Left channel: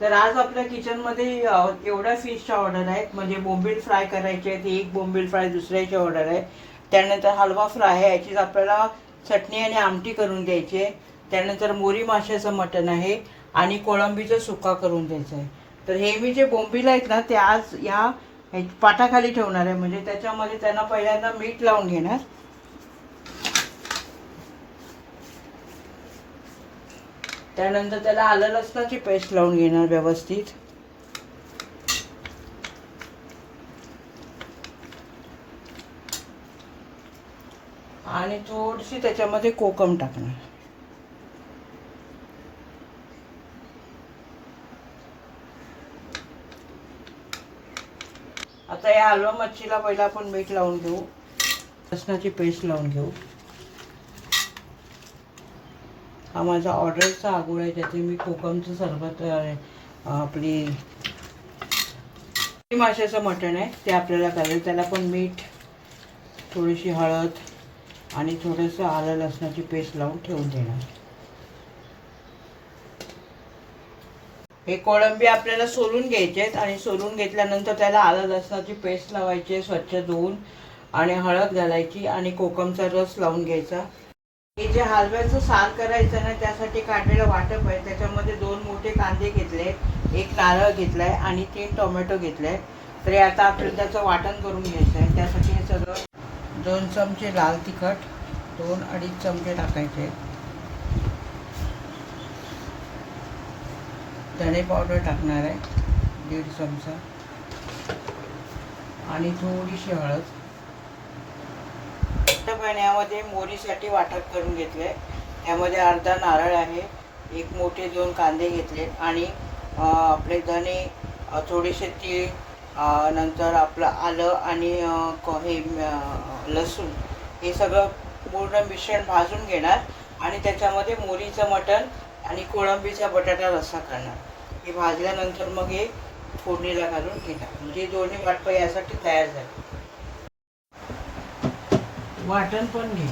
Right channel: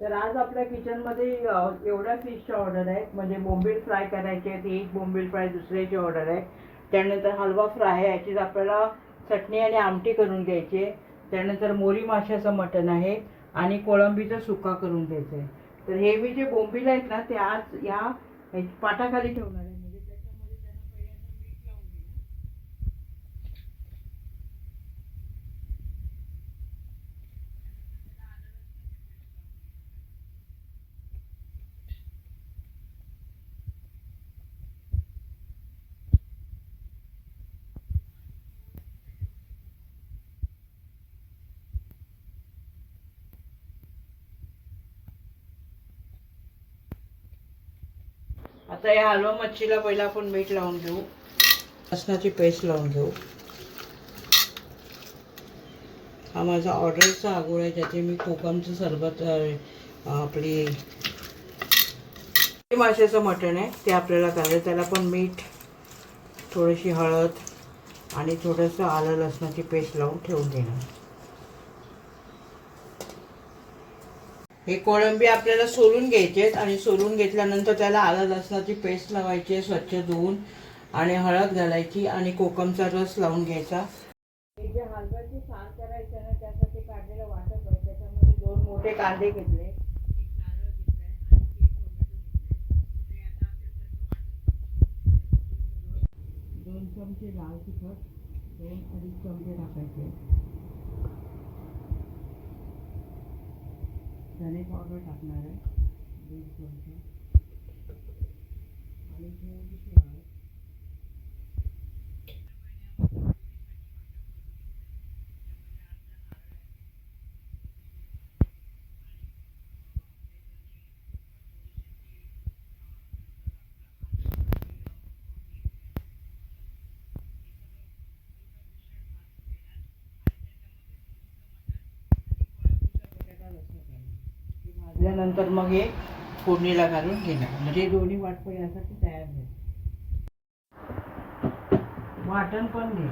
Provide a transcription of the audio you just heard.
तर आज आपल्या किचनमध्ये एवढ्या फिशच्या ऑर्डर आहेत. म्हणजे बोंबील फ्राय करायचे आहेत, एक बोंबील फ्राय दुसऱ्याची ऑर्डर आहे. त्यानंतर हलवा फ्राय आहे, याचीच आपल्याला चटणी आणि आमटी करून द्यायची आहे. त्यानंतर मोरी माशाचं मटण आहे आणि कोळंबीचा सुका करून द्यायचं आहे. तर हे मी जे बोंबील आहेत ना ते आज या पाटाखाली ठेवणार आहे. म्हणजे त्याच्यामध्ये त्यांना पहिल्यांदा मीठ लावून घेणार. त्यानंतर त्याला आलं लसणाची पेस्ट लावून घेणार व्यवस्थित. आणि थोडीशी त्याच्यामध्ये कोकम टाकणार. आता या हलवा मच्छीला पहिला आपण मीठ लावून घेऊ, लसणाची पेस्ट लावून घेऊ. हा माझा ऑर्डरचा आगोळ आहे, ज्याचे मी कोकमचं सरबत आपली माशाचं मटण आहे ते आपल्याला करायचं. त्याला पण मीठ, थोडीशी हळद आणि थोडंसं आलं लसणाची पेस्ट लावून ठेवून देणार. हे कोळंबी आपल्याला सोलून घ्यायचे आहेत आणि सोलून घेतल्यानंतर त्याला आलं लसणाची पेस्ट लावायची आहे, स्वच्छ धुवून, आणि हळद घालायची आणि कोकमचा रस लावून घ्यायचा. हे जे हलव्याचं सार करायचं ना त्यासाठी काढलेलं वाटप आहे. त्याच्यामध्ये 2 मोठे कांदे घेतले, 1 नारळ घेतलाय आणि 3 टोमॅटो घेतलाय. तर आता आपल्याला त्याचं वाटण करून घ्यायचं आहे. त्यासाठी हे सगळं 2 चमचे लाल तिखट, 2-2.5 चमचे टाकायचे. धणे पावडर टाकणार आहे 1.5 चमचा आणि थोडीशी हळद. पाण्यामध्ये मोरीसाठी वाटप करून घेतले. त्यामध्ये अर्धा नारळ आहे, 1 मोठे 2 कांदे घेतले आणि आपले धणे, थोडेसे तीळ, नंतर आपलं आलं आणि हे लसूण, हे सगळं पूर्ण मिश्रण भाजून घेणार आणि त्याच्यामध्ये मोरीचं मटण आणि कोळंबीचा बटाटा रस्सा करणार. हे भाजल्यानंतर मग हे फोडणीला घालून घेणार. म्हणजे दोन्ही वाटप यासाठी तयार झाले. वाटण पण घे.